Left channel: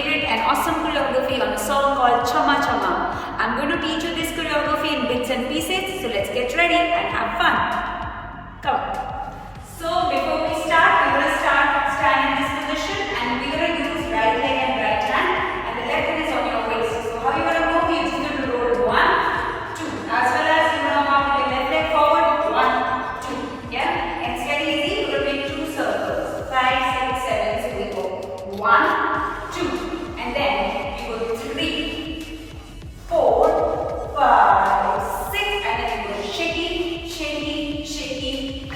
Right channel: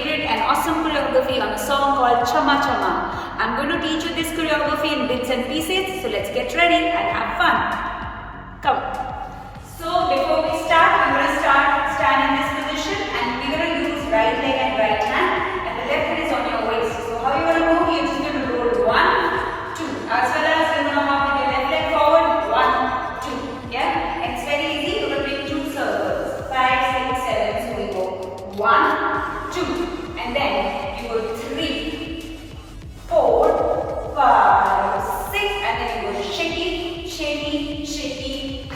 favorite and awesome choreography on a song called Chamma Chamma. I'm going to teach you this choreography in bits and pieces, so let's get ready and have fun. Come. So before we start, we're going to stand in this position and we're going to use right leg and right hand and the left hand is on your waist. So how you're going to go? You're just going to roll 1, 2 as well as you're going to walk with your left leg forward 1, 2. Yeah? And it's very easy. You're going to make 2 circles. 5, 6, 7. So we go 1, 2 and then you go 3, 4, 5, 6 and then you go shaky, shaky, shaky.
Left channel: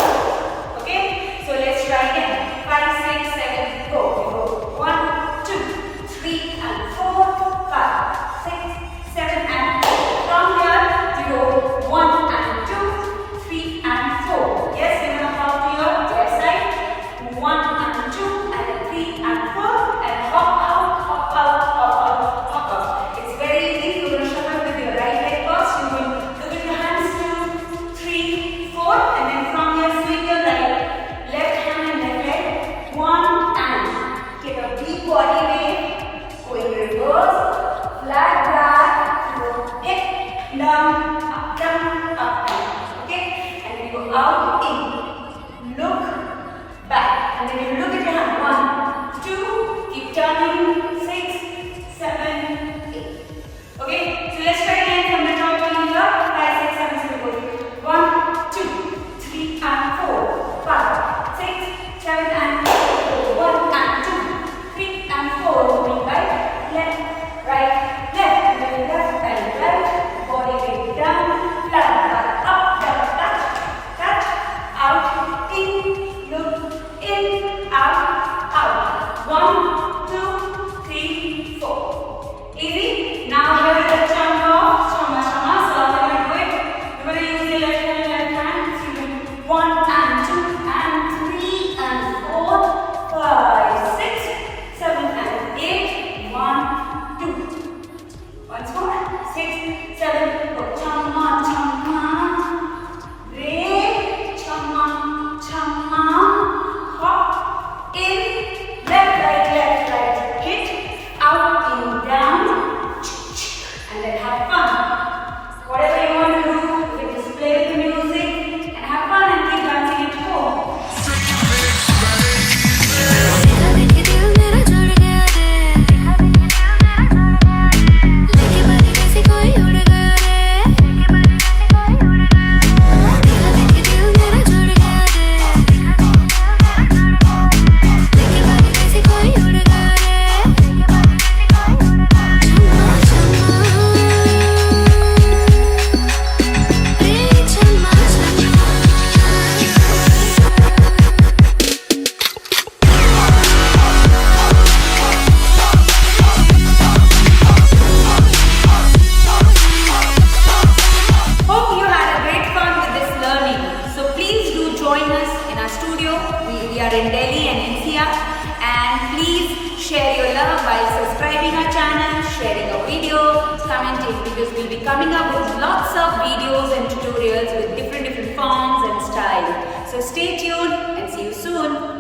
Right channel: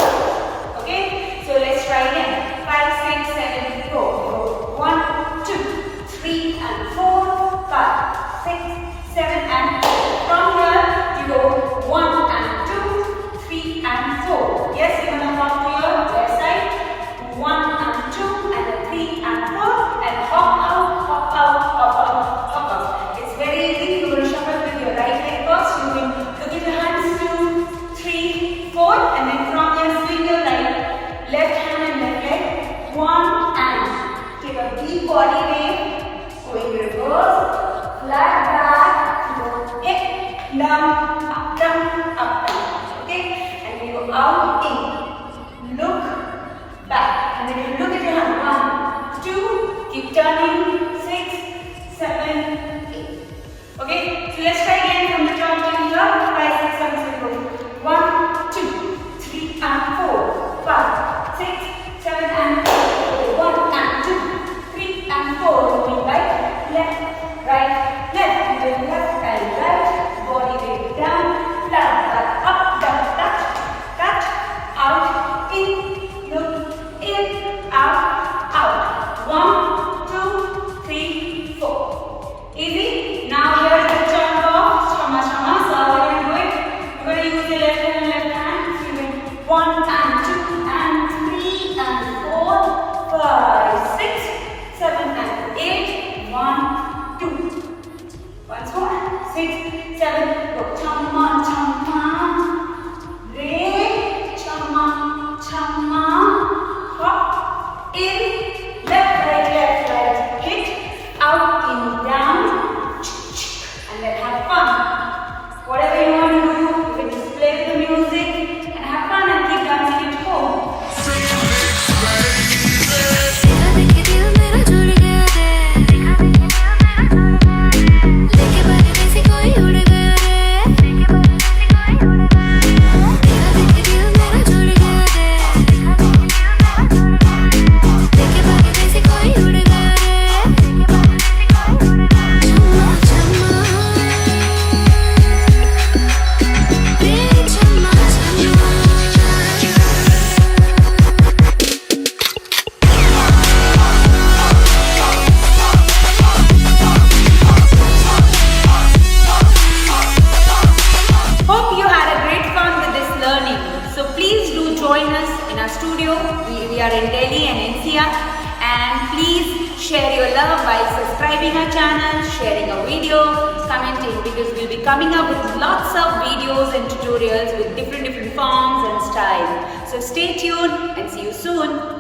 Okay, so let's try again. 5, 6, 7, go. 1, 2, 3 and 4, 5, 6, 7 and 8. From here you go 1 and 2, 3 and 4. Yes, you're gonna hop to your left side. 1 and 2 and then 3 and 4 and hop out, hop out, hop out, hop out. It's very easy. You're going to shuffle with your right leg first. You will look at your hands 2, 3, 4 and then from here swing your right, left hand and left leg. 1 and take a deep body wave. Go in reverse, flat back, go up, down, up, down, up, down. Okay, and we go out, in, look, back, and then you look at your hand. 1, 2, keep turning. 6, 7, 8. Okay, so let's try again from the top in here. 5, 6, 7, 7, go. 1, 2, 3 and 4, 5, 6, 7 and 8. 1 and 2, 3 and 4. Moving right, left, right, left. Going left and right. Body weight down, flat back, up, down, touch, out, in, look. In, out. 1, 2, 3, 4. Easy. Now here is the chunk of Chamma Chamma. So how are you going to do it? You're going to use the left hand and left hand. So you do 1 and 2 and 3 and 4, 5, 6, 7 and 8. 1, 2. Once more. 6, 7. Go. Chamma Chamma. Re. Chamma Chamma. Hop, in, left, right, hit, out, in, down, and then have fun. Whatever you want to do, you can just play with the music and have fun and keep dancing at home. So please do join us in our studio. We are in Delhi and NCR, and please share your love while subscribing our channel, sharing a video, commenting, because we'll be coming up with lots of videos and tutorials with different forms and styles. So stay tuned and see you soon.